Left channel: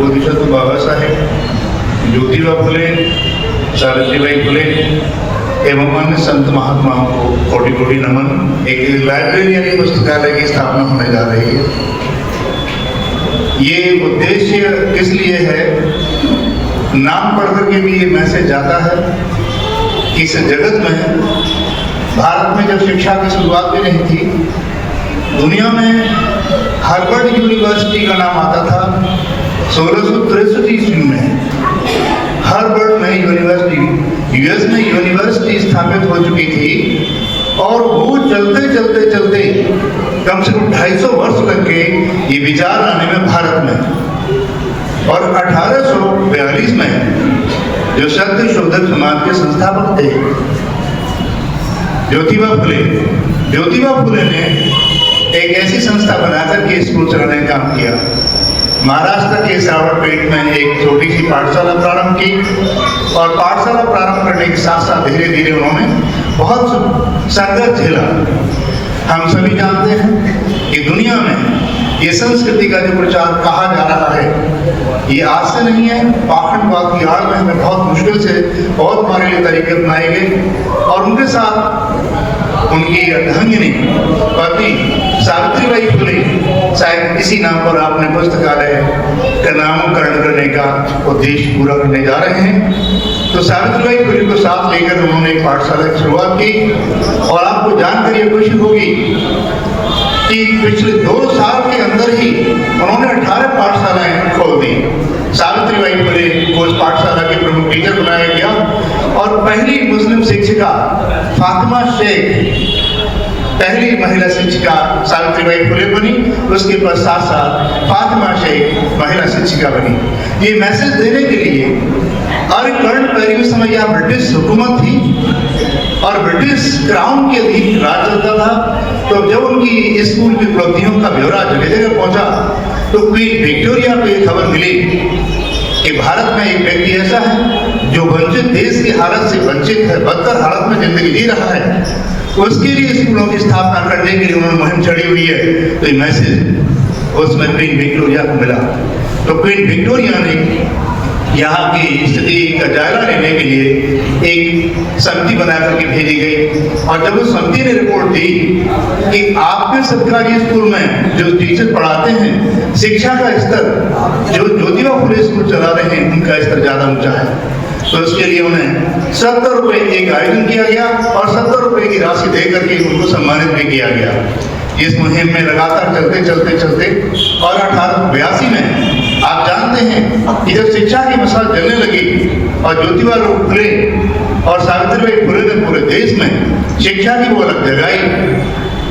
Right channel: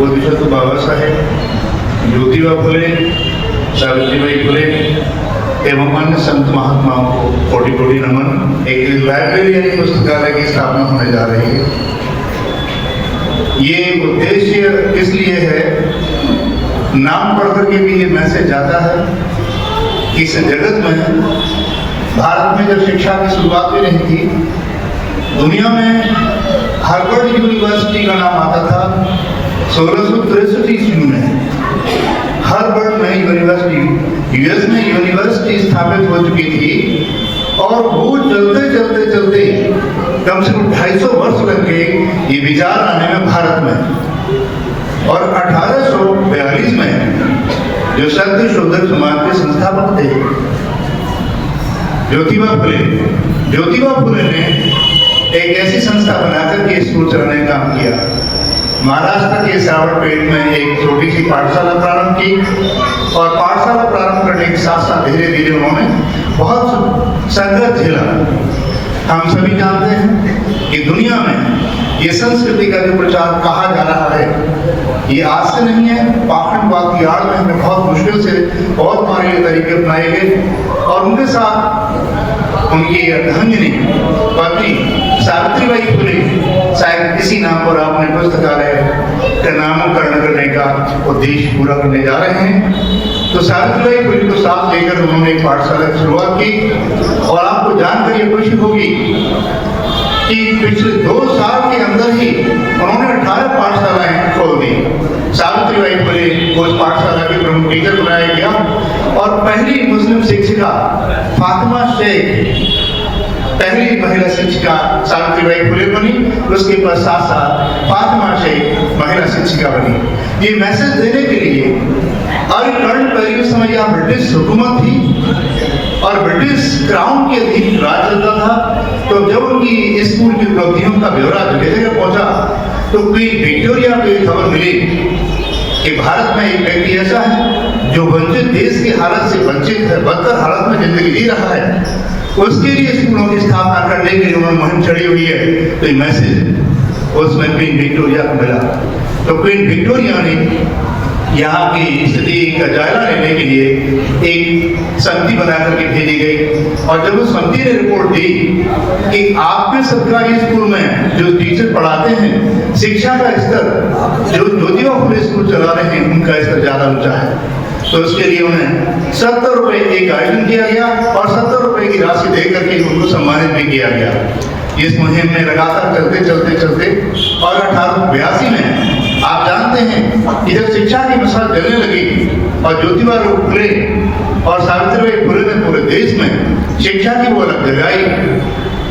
बोधिसत्व बाबा साहेब, ज्योतिबा फुले, सावित्रीबाई फुले एवं अन्य संत महात्माओं को कोटि कोटि नमन। एक लाइब्रेरी यानी पुस्तकालय की स्थापना होने जा रही है। ये उद्देश्य इसलिए है, नाम पढ़ करके भी ये मैसेज जाता है कि इस जगत में, भारत में जब शिक्षा की शुरुआत भी नहीं थी, दुनिया में हार्वर्ड यूनिवर्सिटी का नाम आता था 1663 ईस्वी में। हार्वर्ड में यूनिवर्सिटी, यूएस में यूनिवर्सिटी स्थापित हो चुकी थी और वो चलते चलते चलते कम से कम 250 वर्ष लग गए ये विचार आने में भारत में। और 1842 में जो सत्य शोधक समाज के संस्थापक थे ज्योतिबा फुले ने एक ऐसी संस्था बनाकर के स्कूल चलाने का काम किया। महाराष्ट्र के सावरपेट में एक छोटी सी पाठशाला प्रारंभ की और पाठशाला प्रारंभ करने के साथ साथ धीरे धीरे उन्होंने बहुत संघर्ष झेला। हम सभी जानते हैं कि दुनिया में ये संस्कृति का जो प्रचार कहा जा रहा है ये आज से नहीं है। पाखंडवाद की आड़ में हमें बहुत मुश्किल से बहुत मारे तरीके अपनाए गए और उनके साथ उनकी अर्धांगिनी पत्नी सावित्रीबाई फुले, शायद इसी नाम पर आपने पुस्तकालय का नामकरण करने का उद्देश्य पूरा करने जा रहे हैं। तो सावित्रीबाई फुले को साथ लेकर उन्होंने पाठशाला की शुरुआत की और आपको जानकर ये खुशी होगी कि पिछले 2 साल के अंदर ही उन्होंने 18 पाठशालाएं खोल दी। सावित्रीबाई फुले को उस पाठशाला के प्रमुख टीचर बनाया गया और पहली मुस्लिम शिक्षिका फातिमा शेख पहली महिला शिक्षिका सावित्रीबाई फुले बनी। उसके पश्चात फातिमा शेख महिला शिक्षिका बनी। ये मैसेज देने के लिए अरिकर्ण पहले समय यहाँ ब्रिटिश हुकूमत थी और ब्रिटिश क्राउन के अधीन राज चलता था। तो जब उनकी स्कूल की उपलब्धियों का ब्यौरा जगह जगह पहुंचा तो क्वीन विक्टोरिया को एक खबर मिली कि भारत में एक व्यक्ति ऐसा है जो वंचित देश की हालत से वंचित है, बदतर हालत में जिंदगी जी रहा है। उसके लिए स्कूलों की स्थापना करने के लिए उन्होंने मुहिम चढ़ी हुई है। तो ये मैसेज उसमें क्वीन विक्टोरिया को मिला। तो क्वीन विक्टोरिया ने यहाँ की स्थिति का जायजा लेने के लिए एक समिति बना करके भेजी गई और जब उस समिति ने रिपोर्ट दी कि आपके सरकारी स्कूल में जो टीचर पढ़ाते हैं शिक्षा का स्तर जो ज्योतिबा फुले स्कूल चला रहे हैं उनका स्तर ज्यादा ऊंचा है, तो उसके लिए उन्हें 70 रुपए एक आयोजन किया गया और 70 रुपए की राशि देकर के उनको सम्मानित भी किया गया। इस मुहिम में लगातार चलते और 1882 में आप जानते हैं कि जब शिक्षा की मिसाल चलने लगी और ज्योतिबा फुले और सावित्रीबाई फुले ने पूरे देश में शिक्षा की वो अलग जगाई,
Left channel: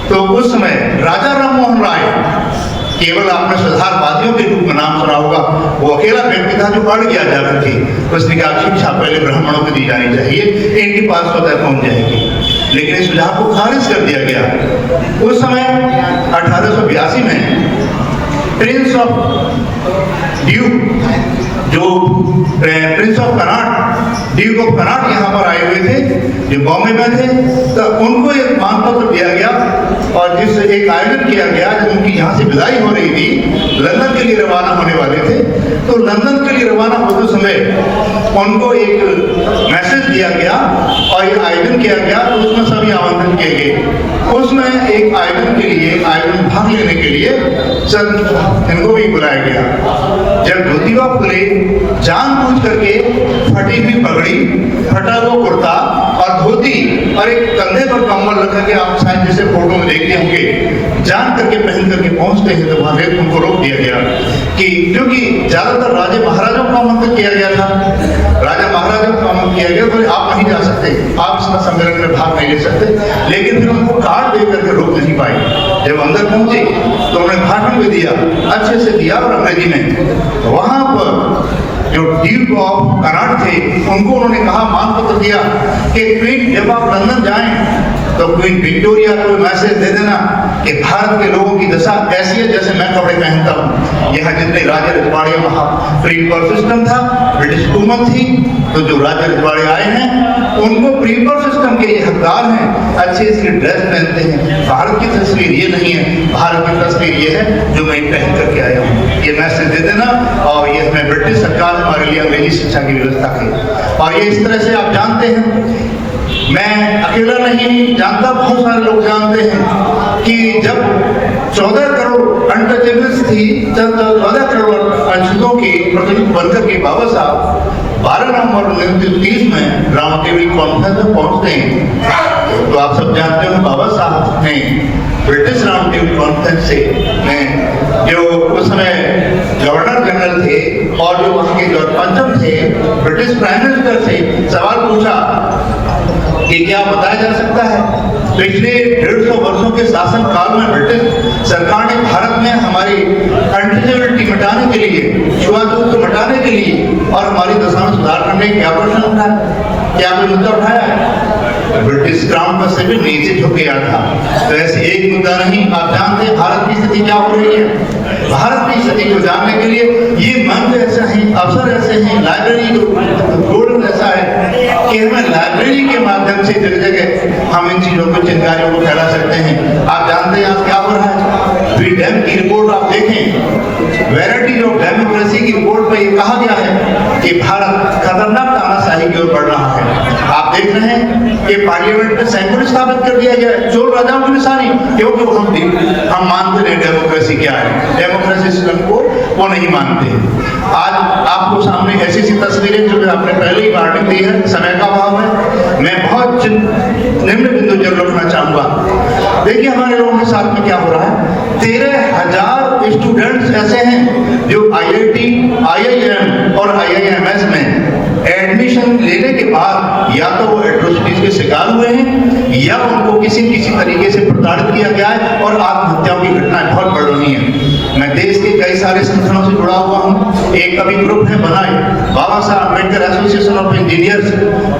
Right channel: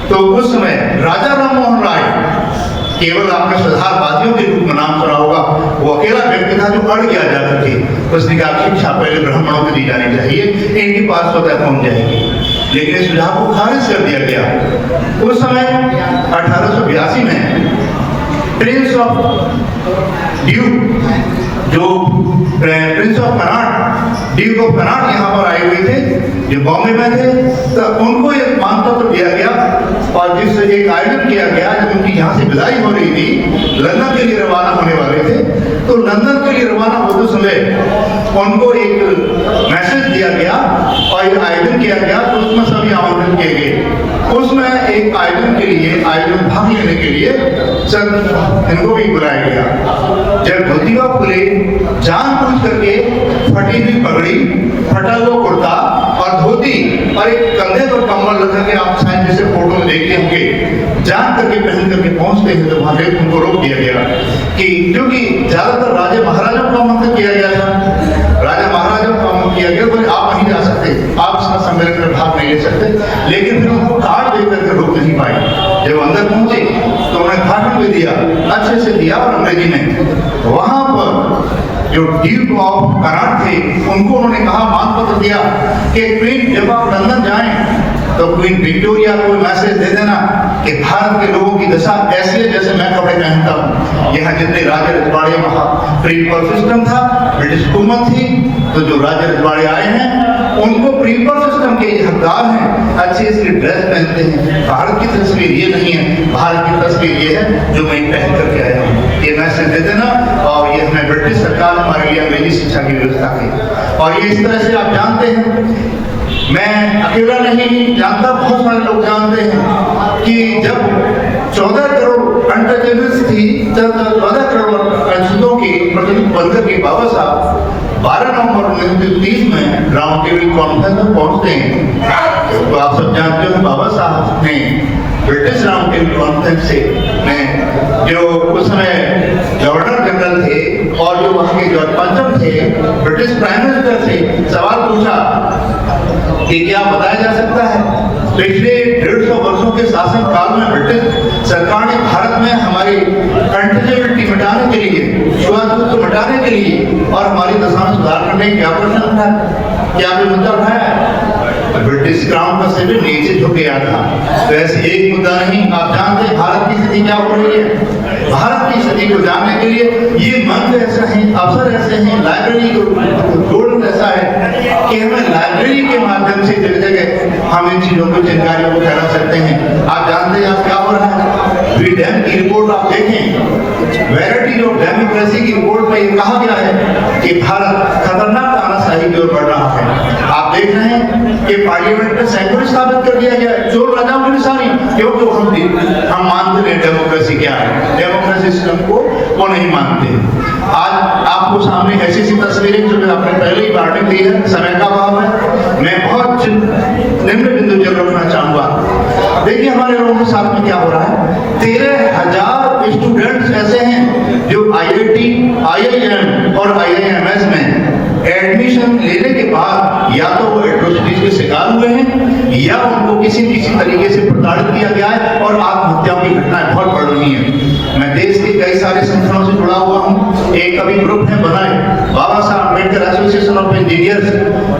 तो उस समय राजा राममोहन राय, केवल आपने सुधारवादियों के रूप में नाम सुना होगा, वो अकेला व्यक्ति था जो अड़ गया जाकर के उसने कहा शिक्षा पहले ब्राह्मणों को दी जानी चाहिए, इनके पास स्वतः पहुंच जाएगी। लेकिन इस सुझाव को खारिज कर दिया गया। उस समय 1882 में प्रिंस ऑफ ड्यूक जो Prince of Connaught, Duke of Connaught यहाँ पर आए हुए थे जो बॉम्बे में थे, तो उनको एक मानपत्र दिया गया और जिससे एक आयोजन किया गया जब उनकी यहाँ से विदाई हो रही थी, लंदन के लिए रवाना होने वाले थे। तो लंदन के लिए रवाना होते समय उनको एक मैसेज दिया गया और एक आयोजन किया गया, तो उसमें सभी आमंत्रित किए गए। उसमें एक आयोजन के लिए, आयोजन भाग लेने के लिए सब इनको भी बुलाया गया। जब ज्योतिबा फुले जानबूझ करके फटी हुई पगड़ी, फटा हुआ कुर्ता और धोती और एक कंधे पर कम्बल रख के, आप शायद जैसे फोटो में देखते होंगे, जान करके पहन करके पहुंचते हैं तो वहां उनको रोक दिया गया कि क्योंकि ज्यादातर राजा महाराजा को आमंत्रित किया गया था, राजा महाराजा को आमंत्रित किया गया, तो आप नहीं जा सकते, आप इस सम्मेलन में भाग नहीं ले सकते। लेकिन फिर उनको कार्ड दे करके रोक नहीं पाए। जब अंदर पहुंचे तो उन्होंने भाषण भी दिया, अच्छे से दिया और अंग्रेजी में। वहां पर जो ड्यूक ऑफ कनाट थे उनको उन्होंने कहा, मानपत्र दिया कि क्वीन जब आप लंदन जाएं तो क्वीन विक्टोरिया को मैसेज दे देना कि भारत के लोगों की दशा ऐसी है जैसे मैं कपड़े पहनता हूँ। यहाँ जितने राजे रजवाड़े, वहाँ फ्री पर सिस्टम था, ब्रिटिश हुकूमत थी, तो जो राजे रजवाड़े आए हैं उनको फ्री पर सिस्टम के ये हकदार हैं, अच्छी सी ड्रेस पहनते हैं। भारत की तस्वीर ये नहीं है, भारत की तस्वीर ये है जो मैं पहन करके आया हूँ। ये मैसेज दे देना। और ये हमें ब्रिटिश सरकार हमारे लिए अंग्रेजी शिक्षा की व्यवस्था की, और ये इस तरह से आप जानते हैं, मैं अकेला नहीं जानता, बहुत सारे लोग जानते हैं कि जब 14 करोड़ अनटचेबल्स थी, 14 करोड़ अंशुओं की प्रतिनिधित्व बनकर के बाबा साहब 12 नवंबर 1930 में राउंड टेबल कॉन्फ्रेंस में पहुंचते हैं। तो आप सब जानते हो बाबा साहब ने ब्रिटिश राउंड टेबल कॉन्फ्रेंस से में जो उस समय गवर्नर जनरल थे और जो वहां के पंचम थे, ब्रिटिश प्राइम मिनिस्टर से सवाल पूछा कि क्या बताया जा सकता है पिछले 150 वर्षों के शासन काल में ब्रिटिश सरकार ने भारत में हमारी अनटचेबिलिटी मिटाने के लिए, छुआछूत को मिटाने के लिए और हमारी दशा में सुधार करने की क्या प्रश्न उठाया, क्या कोई मुद्दा उठाया है? ब्रिटिश क्राउन का से भी नीचे झुके आ था। तो ऐसे एक मुद्दा नहीं, आप जानते हैं भारत की स्थिति क्या हो रही है। भारत की स्थिति को जानने के लिए ये मंच ऐसा है, अवसर ऐसे हैं, लाइब्रेरी गोल्डन ऐसा है कि हमें लाइब्रेरी के माध्यम से जगह जगह हम इन चीजों को, जानकारियों को फैला सकते हैं। आप जानते हैं आप क्या हो रहा है, डैम की रिपोर्ट आप देखें, वैरायटी ऑफ डेमोक्रेसी की रिपोर्ट में ये कहा गया है कि भारत खतरनाक तानाशाही की ओर बढ़ रहा है। आप देख रहे हैं कि पार्लियामेंट में सैंक्ड़ों स्थापित कर दिया गया है, चोर राजाओं की निशानी, क्योंकि हम मानते हैं डेमोक्रेसी क्या है, डेमोक्रेसी सिस्टम को वो नहीं मानते। आज आपको सामने ऐसी सी तस्वीरें जो मैं आपने पहले ही वार्निंग दी है, समय का अभाव है, मैं बहुत निम्न बिंदु जरूर रखना चाहूंगा। देखिए हमारे लोगों के साथ में क्या हो रहा है, 13,000 स्टूडेंट्स ऐसे हैं जो IIT, IIM और IIMS में एडमिशन लेने के बाद या तो वो एट्रोसिटीज के शिकार हुए हैं या उनको किसी तरीके से प्रताड़ित किया गया है और आत्महत्याओं की घटनाएं बहुत बढ़ रही हैं। मैं देश के कई सारे संगठनों से जुड़ा हुआ हूँ, एक अभी ग्रुप है बनाए बाबा Saheb Ambedkar association of engineers,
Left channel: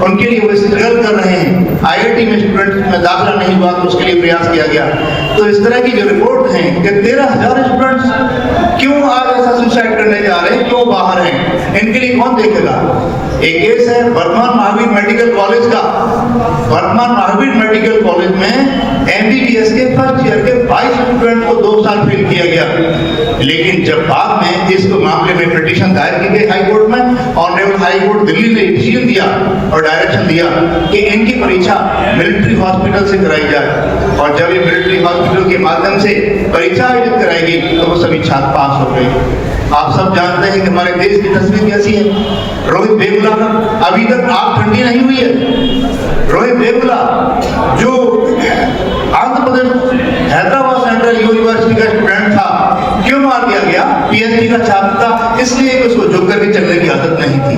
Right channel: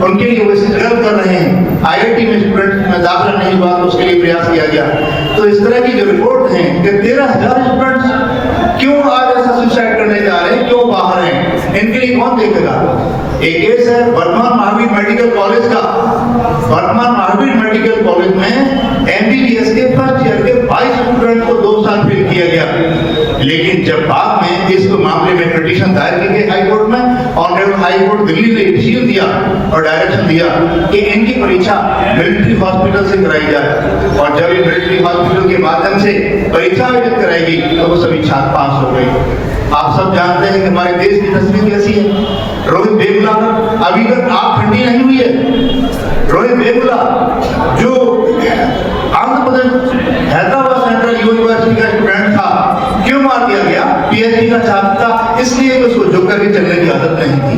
उनके लिए वो स्ट्रगल कर रहे हैं। IIT में स्टूडेंट में दाखिला नहीं हुआ तो उसके लिए प्रयास किया गया। तो इस तरह की जो रिपोर्ट है कि 13,000 स्टूडेंट्स क्यों आज ऐसा सुसाइड करने जा रहे हैं, क्यों बाहर हैं, इनके लिए कौन देखेगा? एक केस है वर्धमान महावीर मेडिकल कॉलेज का। वर्धमान महावीर मेडिकल कॉलेज में MBBS के फर्स्ट ईयर के 22 स्टूडेंट को 2 साल फेल किया गया। लेकिन जब बाद में इस मामले में पिटीशन दायर की गई हाई कोर्ट में, ऑनरेबल हाई कोर्ट दिल्ली ने डिसीजन दिया और डायरेक्शन दिया कि इनकी परीक्षा मिलिट्री हॉस्पिटल से कराई जाए, और जब ये मिलिट्री हॉस्पिटल के माध्यम से परीक्षा आयोजित कराएगी तो वो सभी छात्र पास हो गए। आप सब जानते हैं कि हमारे देश की तस्वीर कैसी है। रोहित वेमुला अभी तक आग ठंडी नहीं हुई है। रोहित वेमुला जो आंध्र प्रदेश हैदराबाद सेंट्रल यूनिवर्सिटी का स्टूडेंट था, क्यों मार दिया गया? PhD का छात्र था, इसलिए उसको झुक करके चलने की आदत नहीं थी।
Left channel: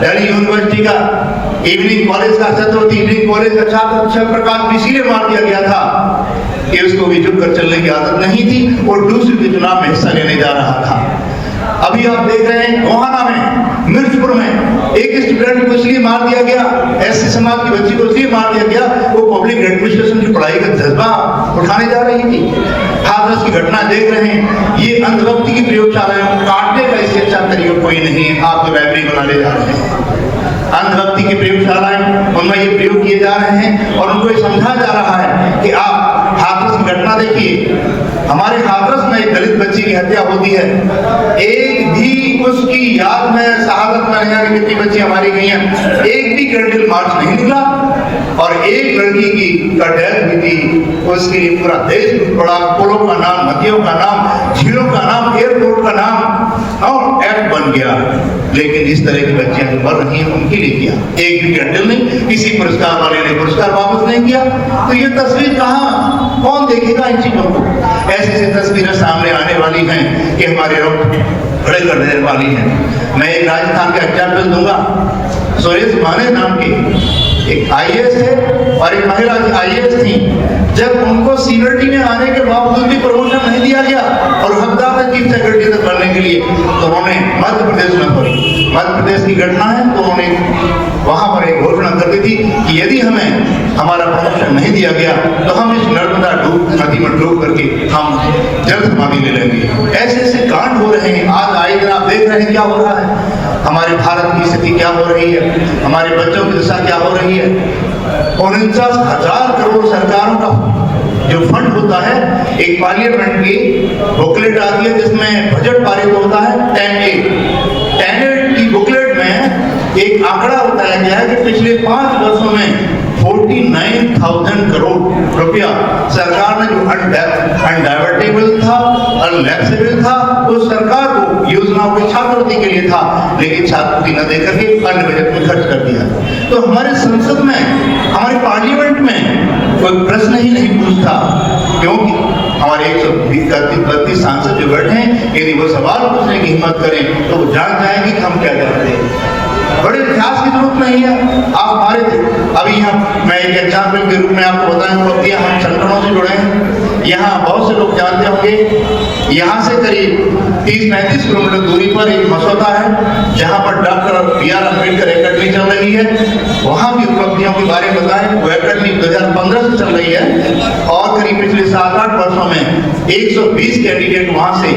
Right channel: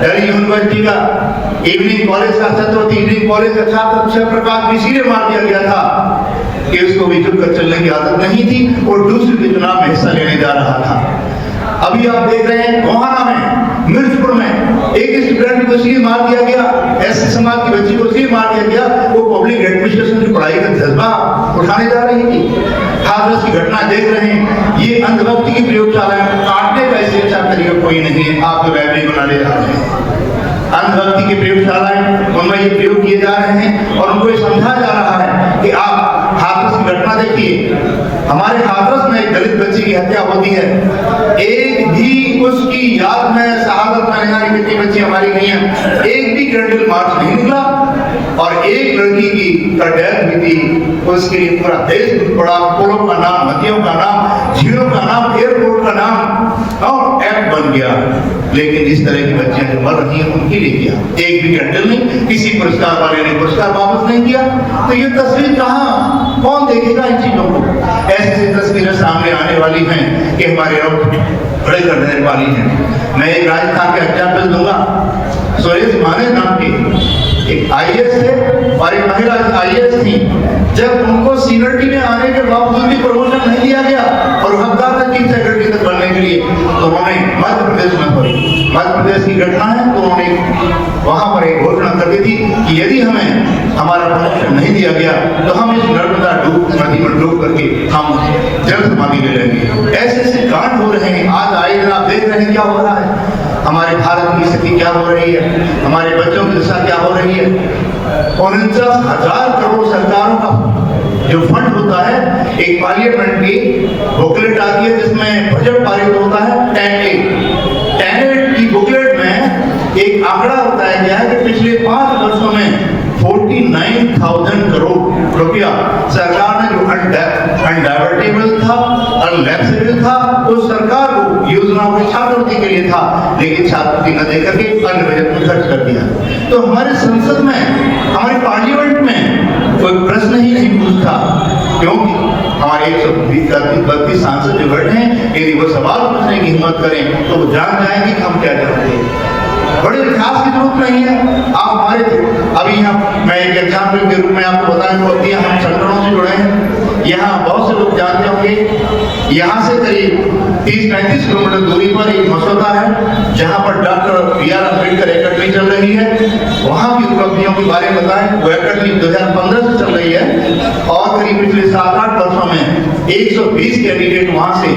दिल्ली यूनिवर्सिटी का इवनिंग कॉलेज का छात्र, इवनिंग कॉलेज का छात्र अक्षय प्रकाश भी इसीलिए मार दिया गया था कि उसको भी झुककर चलने की आदत नहीं थी और दूसरे के चुनाव में हिस्सा लेने जा रहा था। अभी आप देख रहे हैं गोहाना में, मिर्चपुर में एक स्टूडेंट को इसलिए मार दिया गया, ऐसे समाज की बच्ची को इसलिए मार दिया गया, वो पब्लिक एडमिनिस्ट्रेशन की पढ़ाई का जज्बा उठाने जा रही थी। हादस की घटना देख रहे हैं, ये अंधभक्ति की प्रयोगशाला है, काटने का इससे अच्छा तरीका कोई नहीं है। आप तो लाइब्रेरी बनाने जा रहे हैं, अंधभक्ति की प्रयोगशालाएं उनमें ये प्रयोग किए जा रहे हैं और उनको ये समझाया जा रहा है कि आप हाथरस की घटना देखिए। हमारे हाथरस में एक दलित बच्ची की हत्या होती है, एक भी उसकी याद में शहादत मनाने वाली कितनी बच्ची हमारी गई हैं, एक भी कैंडल मार्च नहीं निकला और एक लड़की की डेथ हुई थी। उसके लिए पूरा देश बड़ा, पुलों का नाम, नदियों का नाम, झीलों का नाम, एयरपोर्ट का नाम और एक्ट बन गया। लेकिन इस तरह की बच्चियां जो मर रही हैं उनके लिए किया एक भी कैंडल नहीं, किसी पुरस्कार वाले ने पुरस्कार वापस नहीं किया। तो ये तस्वीर कहाँ, कौन देखेगा इन चीजों को? ऐसी तस्वीरें सामने आने वाली हैं कि हमारे लोग खड़े कर देने वाली हैं। मैं एक राजस्थान के एग्जाम्पल दूंगा। सुरेश माने नाम की एक IAS है और एक महिला IAS थी। जब उनको सीनियरिटी में आने के बावजूद भी प्रमोशन नहीं दिया गया और हकदार था चीफ सेक्रेटरी तक बनने के लिए, तो उन्होंने मध्य प्रदेश में, मध्य प्रदेश की घटना है, तो उन्होंने वहां पर एक घोषणा कर दी थी कि यदि हमें हमारा प्रमोशन नहीं दिया गया तो हम इस नर्मदा नदी में डूब करके हम जल समाधि ले लेंगे। ऐसे ऐसे कांड हो रहे हैं। आज आए दिन आप देख रहे हैं क्या हो रहा है, हमारे भारत की स्थिति क्या हो रही है, हमारे बच्चों की दशा क्या हो रही है। 49,000 करोड़ सरकारों का जो फंड होता है, एक पार्लियामेंट की बुकलेट आती है जिसमें बजट पारित रुपया सरकार ने जो अनडाइवर्टेबल था, अनलैप्सेबल था, वो सरकार को योजनाओं के छात्रवृत्ति के लिए था, लेकिन छात्रवृत्ति न देकर के अन्य बजट में खर्च कर दिया। तो हमारे संसद में, हमारे पार्लियामेंट में कोई प्रश्न ही नहीं पूछता, क्योंकि हमारे 132 सांसद जो बैठे हैं, यदि वो सवाल पूछने की हिम्मत करें तो वो जान जाएंगे कि हम क्या चाहते हैं। बड़े इतिहास की जरूरत नहीं है। आप हमारे थे, अभी यहाँ मैं एक एग्जाम्पल के रूप में आपको बताऊं तो अभी हम संगठनों से जुड़े हैं। यहाँ बहुत से लोग जानते होंगे, यहाँ से करीब 30-35 किलोमीटर दूरी पर एक मसौदा है, जहाँ पर डॉक्टर B.R. अम्बेडकर एकेडमी चल रही है। वहाँ की उपलब्धियों के बारे में बताएं। वो एकेडमी 2015 से चल रही है और करीब पिछले 7-8 वर्षों में 120 कैंडिडेट वहाँ से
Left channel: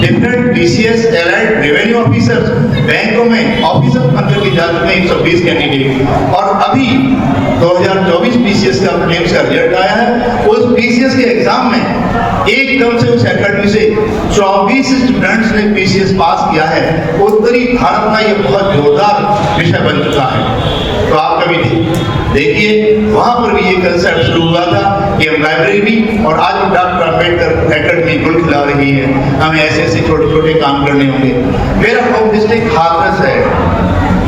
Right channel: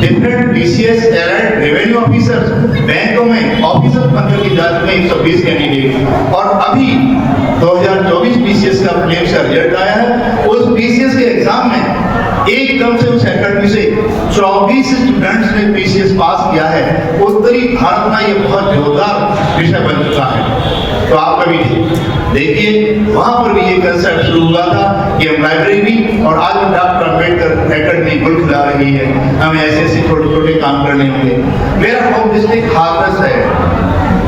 different BCS allied revenue officers, बैंकों में ऑफिसर बनकर की जा चुके 120 कैंडिडेट। और अभी 2024 BCS का प्रीलिम्स का रिजल्ट आया है। उस BCS के एग्जाम में एकदम से उस एकेडमी से 24 स्टूडेंट्स ने BCS पास किया है। उत्तरी भारत में ये बहुत जोरदार विषय बन चुका है। तो आप कभी देखिए, वहां पर भी ये कंसेप्ट शुरू हुआ था कि हम लाइब्रेरी, और आज डॉक्टर अम्बेडकर एकेडमी गुल खिला रही है। हमें ऐसे छोटे-छोटे काम करने होंगे। मेरा होम डिस्ट्रिक्ट हाथरस है।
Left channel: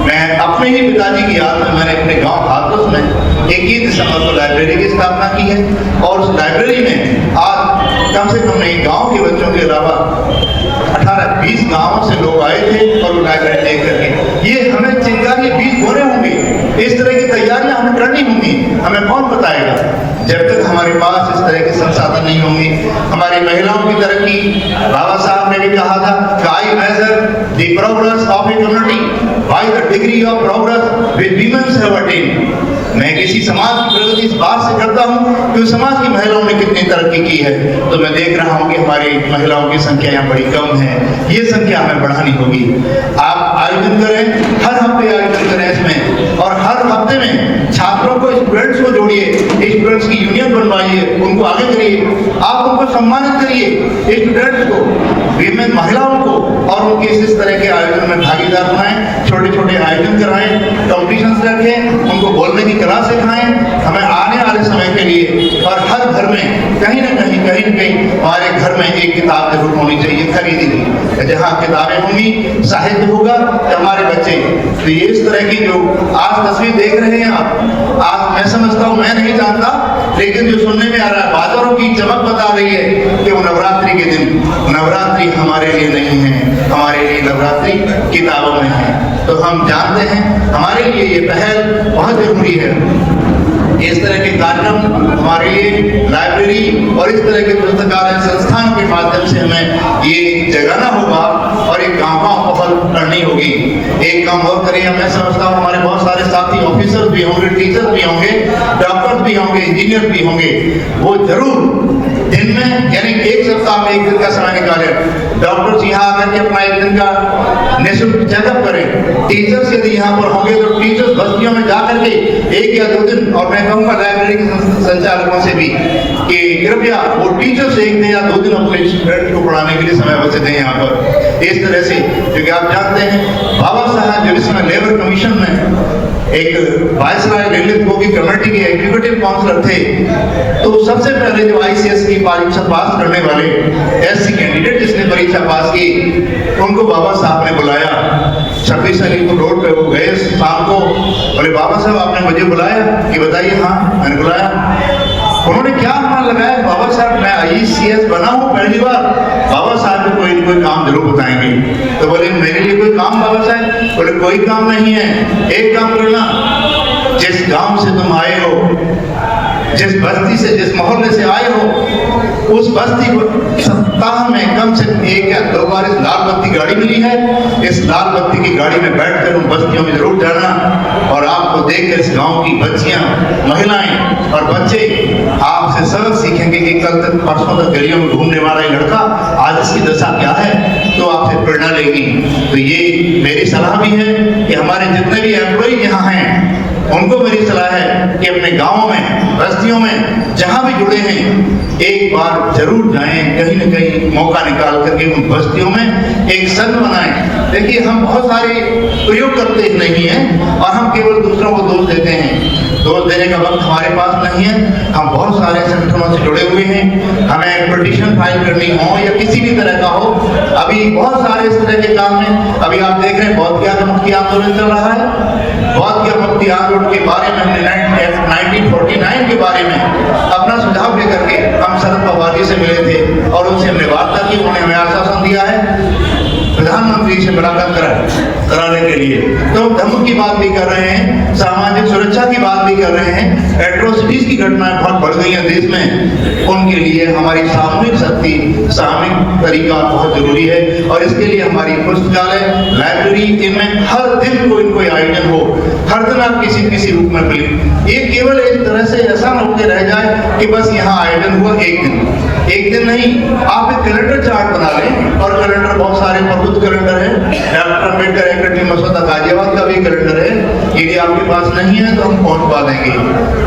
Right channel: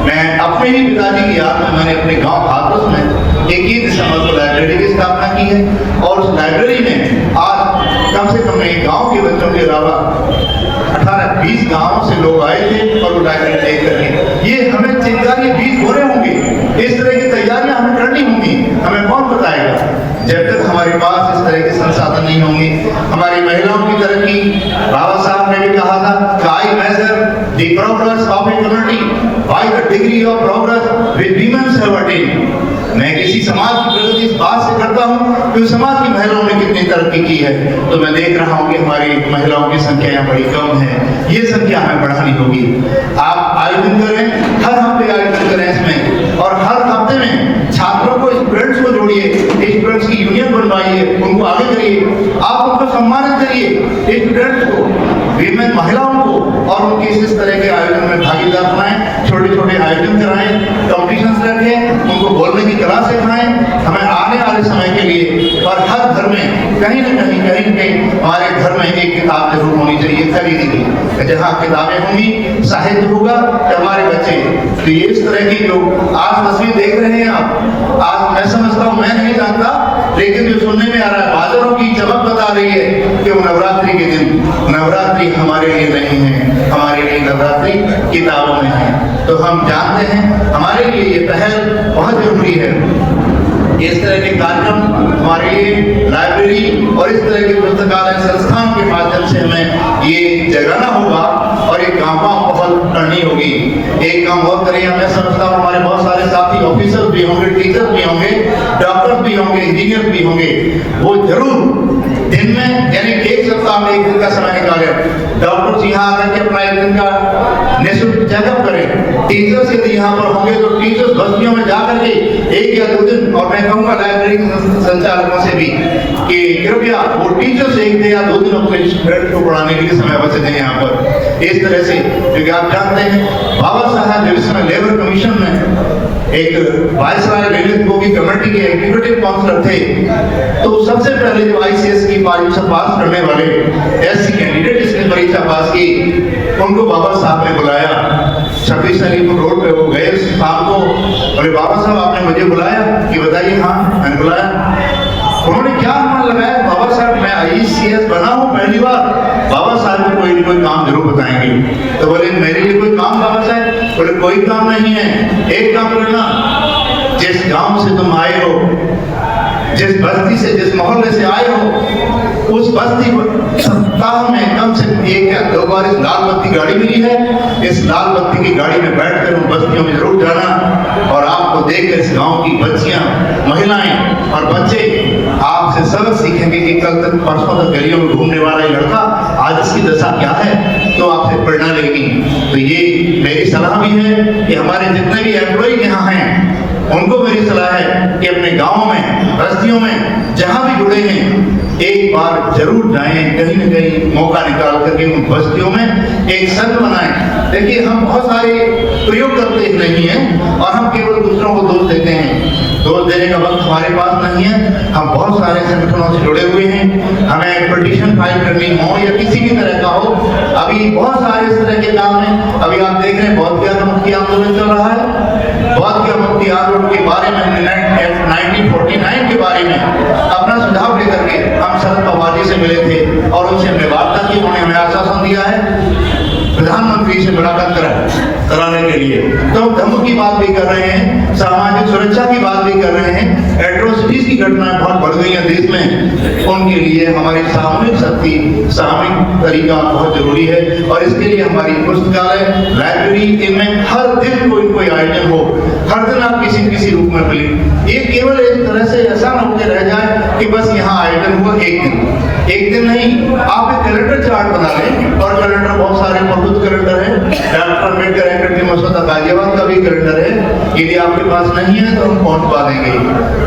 मैं अपने ही पिताजी की याद में मैंने अपने गांव हाथरस में 21 दिसंबर को लाइब्रेरी की स्थापना की है, और उस लाइब्रेरी में आज कम से कम नहीं, गांव के बच्चों के अलावा 18-20 गांवों से लोग आए थे और लाइब्रेरी देख करके। ये हमें चिंगारी बीज बोने होंगे, इस तरह की तैयारियां हमें करनी होंगी। हमें कौन बताएगा जब तक हमारे पास इस तरह के संसाधन नहीं होंगे। हमारी महिलाओं की तरक्की, बाबा साहब ने भी कहा था, I measure the progress of a community by the degree of progress which women have attained। मैं किसी समाज की प्रगति इस बात से करता हूँ कि समाज की महिलाओं ने कितनी तरक्की की है। तो मैं देख रहा हूँ कि हमारी महिलाओं की संख्या यहाँ बड़ी कम है। ये संख्या हमें बढ़ानी होगी। आप आयोजन करें, हर हफ्ते आयोजन करें इसमें, और हर हफ्ते में छात्रों को, स्टूडेंट्स को जोड़िए, स्टूडेंट्स की यूनियन बनवाइए, उनको आगे करिए, आप उनको सम्मानित करिए, स्टूडेंट्स को, विमेन महिलाओं को, और उनके इस तरह के आयोजन में भागीदार बनाएं। छोटे-छोटे आयोजन कराएं, कॉम्पिटिशंस रखें, उनको बोलने की कला सिखाएं। हमें आने वाले समय के लिए, और हर घर में कहीं न कहीं हमारे घर में एक किताब जरूर होनी चाहिए खरीदी हुई। जहाँ किताबें होंगी, साहित्य होगा, हमारे बच्चे, तो ये इस तरह की जो आज तस्वीर देख रहे हैं आप, आज मैं समझता हूँ, मैं नहीं जानता, लेकिन जो सुनने में आ रहा है, बाजारों की चमक बता रही है कि वो नवरात्रि के दिन, नवरात्रि हमारे लिए नहीं है, हमारे लिए नवरात्रि किताबों में है। तो हम जानते हैं हमारे लिए ये पहल बहुत जरूरी है। इस तरह के कार्यक्रम हमारे लिए लाइब्रेरी और इस तरह के पुस्तकालय संस्थानों के माध्यम से हमें ये जगाना होगा और एक गांव पहल करनी होगी। एक काम और करिए, मैं समझता हूँ हमारे बहुत सारे साथी ऑफिसर भी होंगे, टीचर भी होंगे, डॉक्टर भी होंगे, इंजीनियर भी होंगे, वो जरूर दिन में, यानी एक सप्ताह में एक दिन का समय निकालें। डॉक्टर्स यहाँ आकर के अपना एक दिन का निःशुल्क चेकअप करें। टीचर्स यदि यहाँ पर होंगे तो टीचर्स बस्तियों में जाकर के 1 या 2 दिन, और मैं कहूँगा लाइब्रेरी संचालकों से भी कि कृपया वो टीचर्स 1 या 2 दिन अपने स्टूडेंट को पढ़ाने के लिए समय बचे दें यहाँ पर। इस तरह से, क्योंकि आप जानते हैं बाबा साहब जब इस समय लेबर कमीशन में एक वायसराय ललित बोगी कमेटी के एग्जीक्यूटिव काउंसिलर थे, तो सबसे पहले जो ICS की परीक्षा पास करने वाले SC कैंडिडेट जिसने परीक्षा पास की, उनको बाबा साहब ने बुलाया। 26 अलीपुर रोड पे वो गए शाम को, बोले बाबा साहब आपने मुझे बुलाया कि बताइए। हाँ, मैंने बुलाया। उन्होंने क्या मन लगाया, बाबा साहब मैं ICS बना हूँ पहली बार, बाबा साहब को कोई न कोई काम जरूर बताएंगे। तो बोले मेरे लिए कोई काम बाबा साहब? बोले कोई काम नहीं है, एक काम करना, जिस गांव से तुम आए हो, जिस बस्ती से, जिस मोहल्ले से आए हो, उस बस्ती सप्ताह में कम से कम 1 या 2 बार इस लाल बत्ती गाड़ी मिली है, इस लाल बत्ती की गाड़ी में बैठकर उन बस्तियों में जरूर जाना, और आपको देखकर इस गांव की बच्चियां, महिलाएं और बच्चे आपसे सबक सीखेंगे कि कल तक, परसों तक गलियों में घूमने वाला लड़का आज इसकी दशा क्या है, तो आपसे प्रेरणा लेगी। तो ये मेरी सलाह भी है कि हमारे जितने भी एम्प्लॉय यहाँ हैं, उनको मेरी सलाह है कि अपने गाँव में, बस्तियों में, जहाँ भी जुड़े हैं, एक बार जरूर जाएं, कहीं न कहीं मौका निकाल करके उन बस्तियों में एक संघ बनाएं। देखिए, हम बहुत सारे प्रयोग करते नहीं हैं और हम केवल दूसरों को दोष देते हैं। दोष देने का वक्त हमारे पास नहीं है। हम बहुत सारे संगठनों से जुड़े हुए हैं। हमें पिटीशन फाइल करनी हो या किसी भी तरह का हो, अभी बहुत सारे इस तरह के काम हैं। अभी आप देख रहे हैं बौद्ध ज्ञान मुक्ति आंदोलन चल रहा है। बौद्ध ज्ञान मुक्ति आंदोलन के बारे में 1949 के बारे में अपना सुझाव लेकर के हम शरद पवार जी से मिले थे और उनसे हमने वार्ता की। उन्होंने हमें आश्वासन दिया है प्रधानमंत्री से मुलाकात कराने के लिए। तो धर्म की बात भी कर रहे हैं, सामाजिक सुरक्षा की बात भी कर रहे हैं। एट्रोसिटीज की घटनाएं बहुत बढ़ गई हैं देश में, उनके लिए हमारी सामूहिक शक्ति, सामूहिक तरीका बहुत जरूरी है। और इसके लिए हमारी पुस्तकालय, लाइब्रेरी, इनमें हर दिन कोई कोई आयोजन हो, हर दिन आप किसी रूप में मिले। ये केवल एक तरह से ऐसा न होकर रह जाए कि बस यहाँ आयोजन हुआ एक दिन नहीं। आप एक कैलेंडर चार्ट बना लें, और कैलेंडर बहुत सारे प्रबुद्ध कैलेंडर है, डॉक्टर अम्बेडकर एकेडमी मसौदा गाजियाबाद का भी कैलेंडर है। यदि आपके पास नहीं है तो हम पहुंचवा देंगे।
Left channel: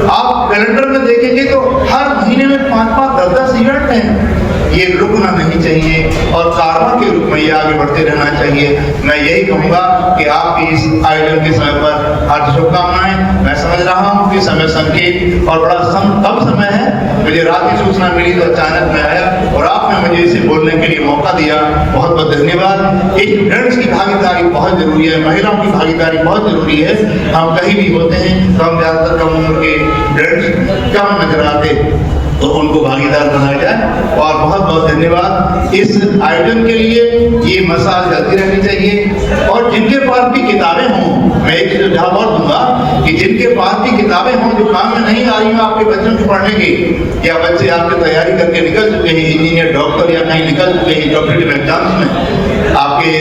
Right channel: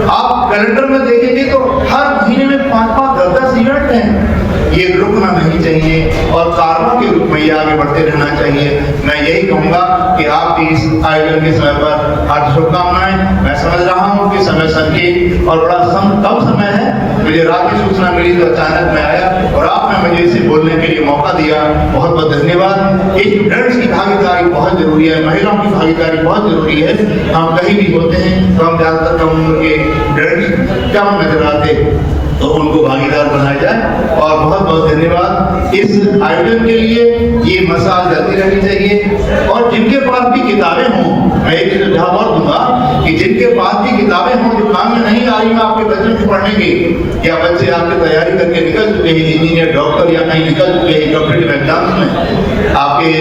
आप कैलेंडर में देखेंगे तो हर महीने में 5-5, 10-10 इवेंट हैं। ये रुकना नहीं चाहिए और कार्यों के रूप में ये आगे बढ़ते रहना चाहिए। मैं यही कहूँगा कि आपकी इस आयोजन के समय पर हार्दिक शुभकामनाएं। मैं समझ रहा हूँ कि समय संकीर्ण और बड़ा कम समय है। मुझे रात की सूचना मिली तो अचानक मैं आया और आपने मुझे इसे बोलने के लिए मौका दिया, बहुत बहुत धन्यवाद। स्टूडेंट्स की भागीदारी बहुत जरूरी है, महिलाओं की भागीदारी बहुत जरूरी है। हम कहीं भी होते हैं तो हम ज्यादातर कम उम्र के स्टूडेंट्स कम नजर आते, तो उनको भागीदार बनाया जाए। और बहुत बहुत धन्यवाद इस आयोजन के लिए। ये मसाल चलती रहनी चाहिए। और जिनके पास भी किताबें हों, मैं एक सुझाव और दूंगा कि जिनके पास भी किताबें हों जो काम में नहीं आ रही हैं आपके बच्चों को पढ़ने की, या बच्चे आपकी तैयारी करके निकल चुके हैं इंजीनियर, डॉक्टर या कहीं निकल चुके हैं कॉम्पिटिटिव एग्जाम्स में, आपके